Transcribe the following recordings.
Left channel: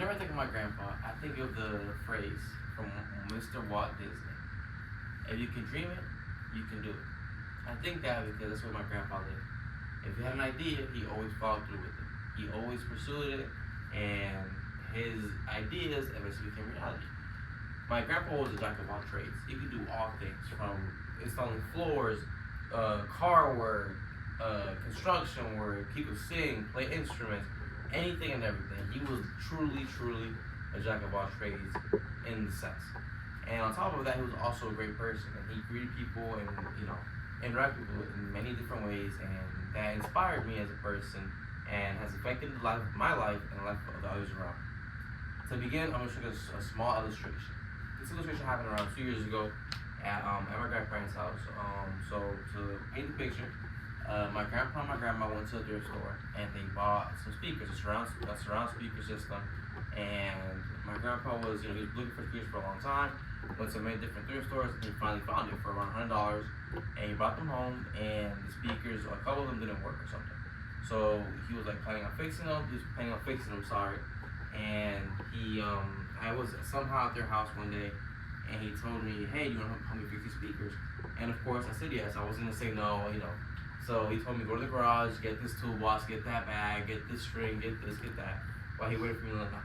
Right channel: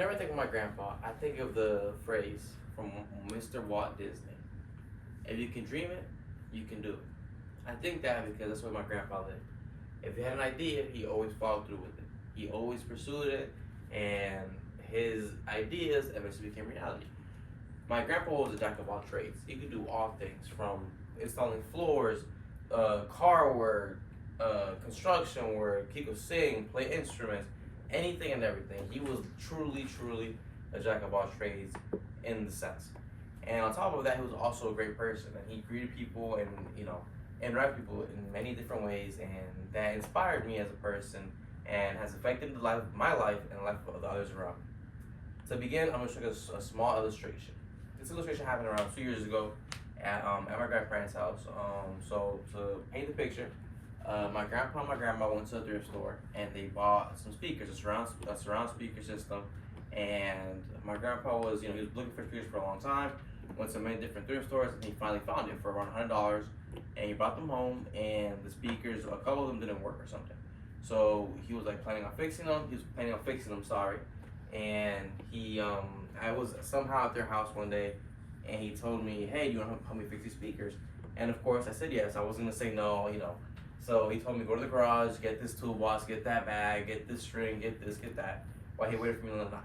whenever I think of my grandpa, I think of the phrase from Mr. Walt Disney: "If you can dream it, you can do it." I think that because that's where my grandpa lived. If he had an idea, he always followed through with it. He always pursued it, and his ideas eventually became reality. My grandpa was a jack of all trades. He could do all things from installing floors, car work, construction work. He could sing, play instruments, anything and everything. He was truly, truly a jack of all trades in the sense. And on top of that, he was also a great person, and he greeted people and interact with people in many different ways, and that inspired me as a person and has affected my life and the life of the others around me. To begin, I'm gonna show you a small illustration. This illustration happened around 2 years ago at my grandparents' house. So to paint the picture, my grandpa and my grandma went to a thrift store and they bought some speakers, a surround speaker system. And my grandpa was, he was looking for speakers for a long time. Went to many different thrift stores and he finally found it for around $100. And he brought them home and the speakers, a couple of them didn't work or something. So he was like planning on fixing them. He was planning on fixing them, sorry. And I was somehow at their house one day, and he told me, "Hey, do you want to help me fix these speakers?" And of course, I said yes. I wasn't gonna say no. So he told me go to the garage, get this toolbox, get that bag, get this string, get this, get that. While he waited for me in the night,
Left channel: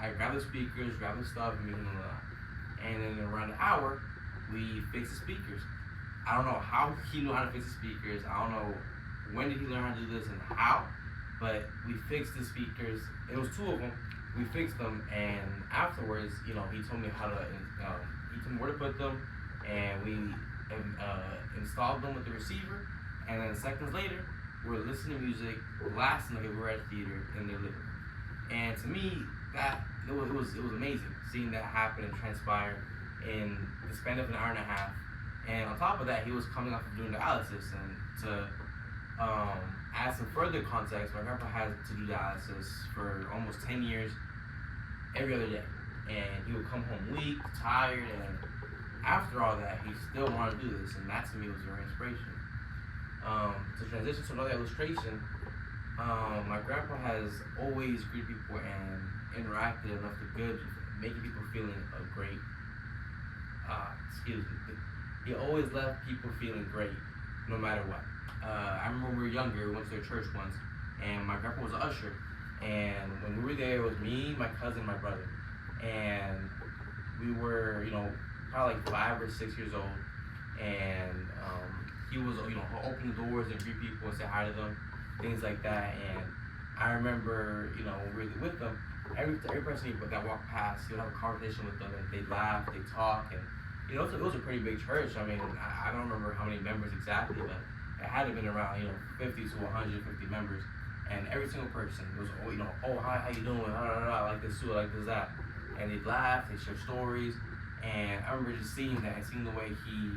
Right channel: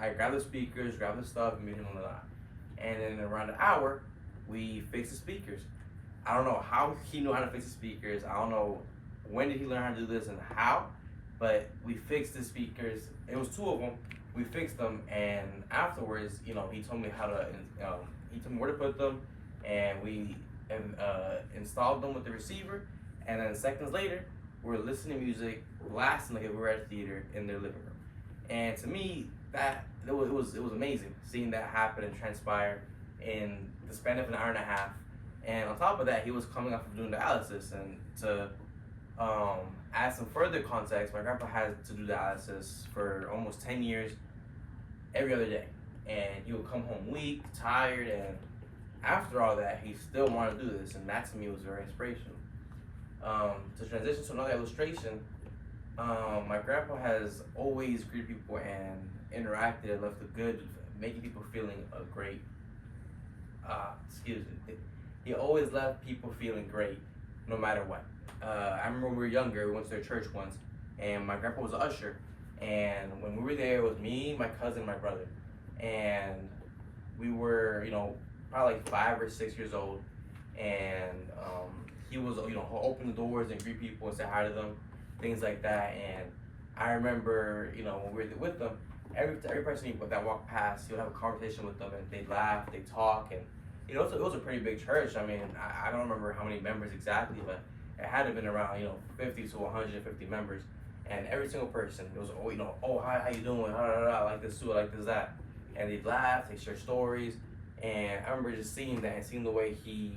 I grabbed the speakers, grabbed the stuff, and meet him in the night. And then around an hour, we fixed the speakers. I don't know how he knew how to fix the speakers. I don't know when did he learn how to do this and how, but we fixed the speakers. It was two of them. We fixed them, and afterwards, he told me how to. He told me where to put them, and we installed them with the receiver. And then seconds later, we were listening to music, blasting like if we were at a theater in their living room. And to me, it was amazing seeing that happen and transpire in the span of an hour and a half. And on top of that, he was coming off of doing dialysis, and to add some further context, my grandpa had to do dialysis for almost 10 years, every other day. And he would come home weak, tired, and after all that, he still wanted to do this, and that to me was very inspirational. To transition to another illustration, my grandpa has always greeted people and interacted and left a good, making people feeling a great, he always left people feeling great, no matter what. I remember when we were younger, we went to their church once, and my grandpa was an usher. And when we were there, it was me, my cousin, and my brother. And we were, probably like 5 or 6 years old. And he was, open the doors and greet people and say hi to them, things like that. And I remember, when we were with them, every person that walked past, he would have a conversation with them, and they'd laugh, they'd talk, and it was a pretty big church. I mean, I don't remember how many members exactly, but it had to have been around 50 to 150 members, and every single person was oh hi, how you doing, I like this too, I like this that, and they'd laugh, they'd share stories. And I remember just seeing that and seeing the way he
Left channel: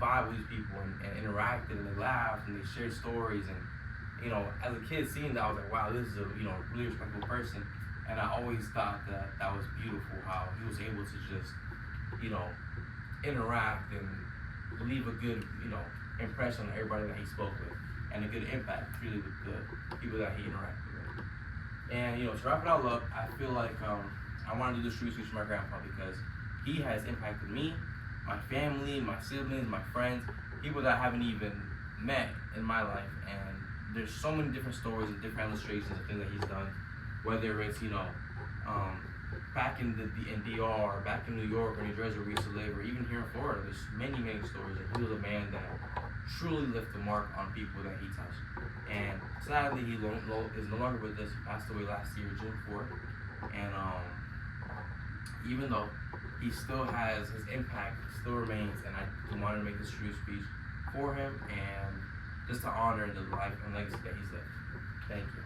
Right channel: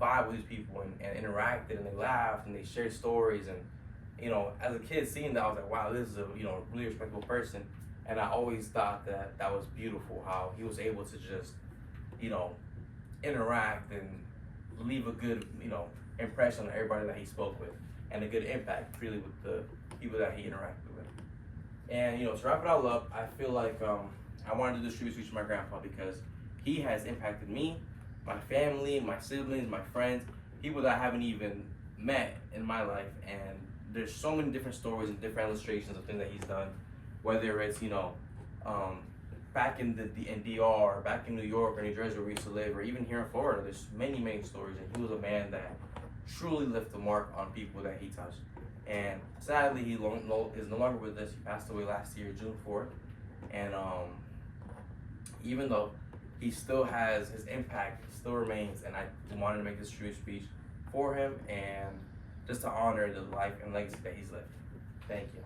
vibed with these people and interacted, and they laughed and they shared stories. And as a kid seeing that, I was like, wow, this is a really respectable person. And I always thought that was beautiful, how he was able to just interact and leave a good impression on everybody that he spoke with, and a good impact really with the people that he interacted with. And to wrap it all up, I feel like I wanted to do this tribute speech for my grandpa because he has impacted me, my family, my siblings, my friends, people that I haven't even met in my life. And there's so many different stories and different illustrations of things that he's done, whether it's back in DR, back in New York or New Jersey where we used to live, or even here in Florida. There's many stories, and he was a man that truly left a mark on people that he touched. And sadly, he is no longer with us. He passed away last year, June 4th. And even though he still has his impact, still remains, and I wanted to make this tribute speech for him and just to honor the life and legacy that he's lived. Thank you.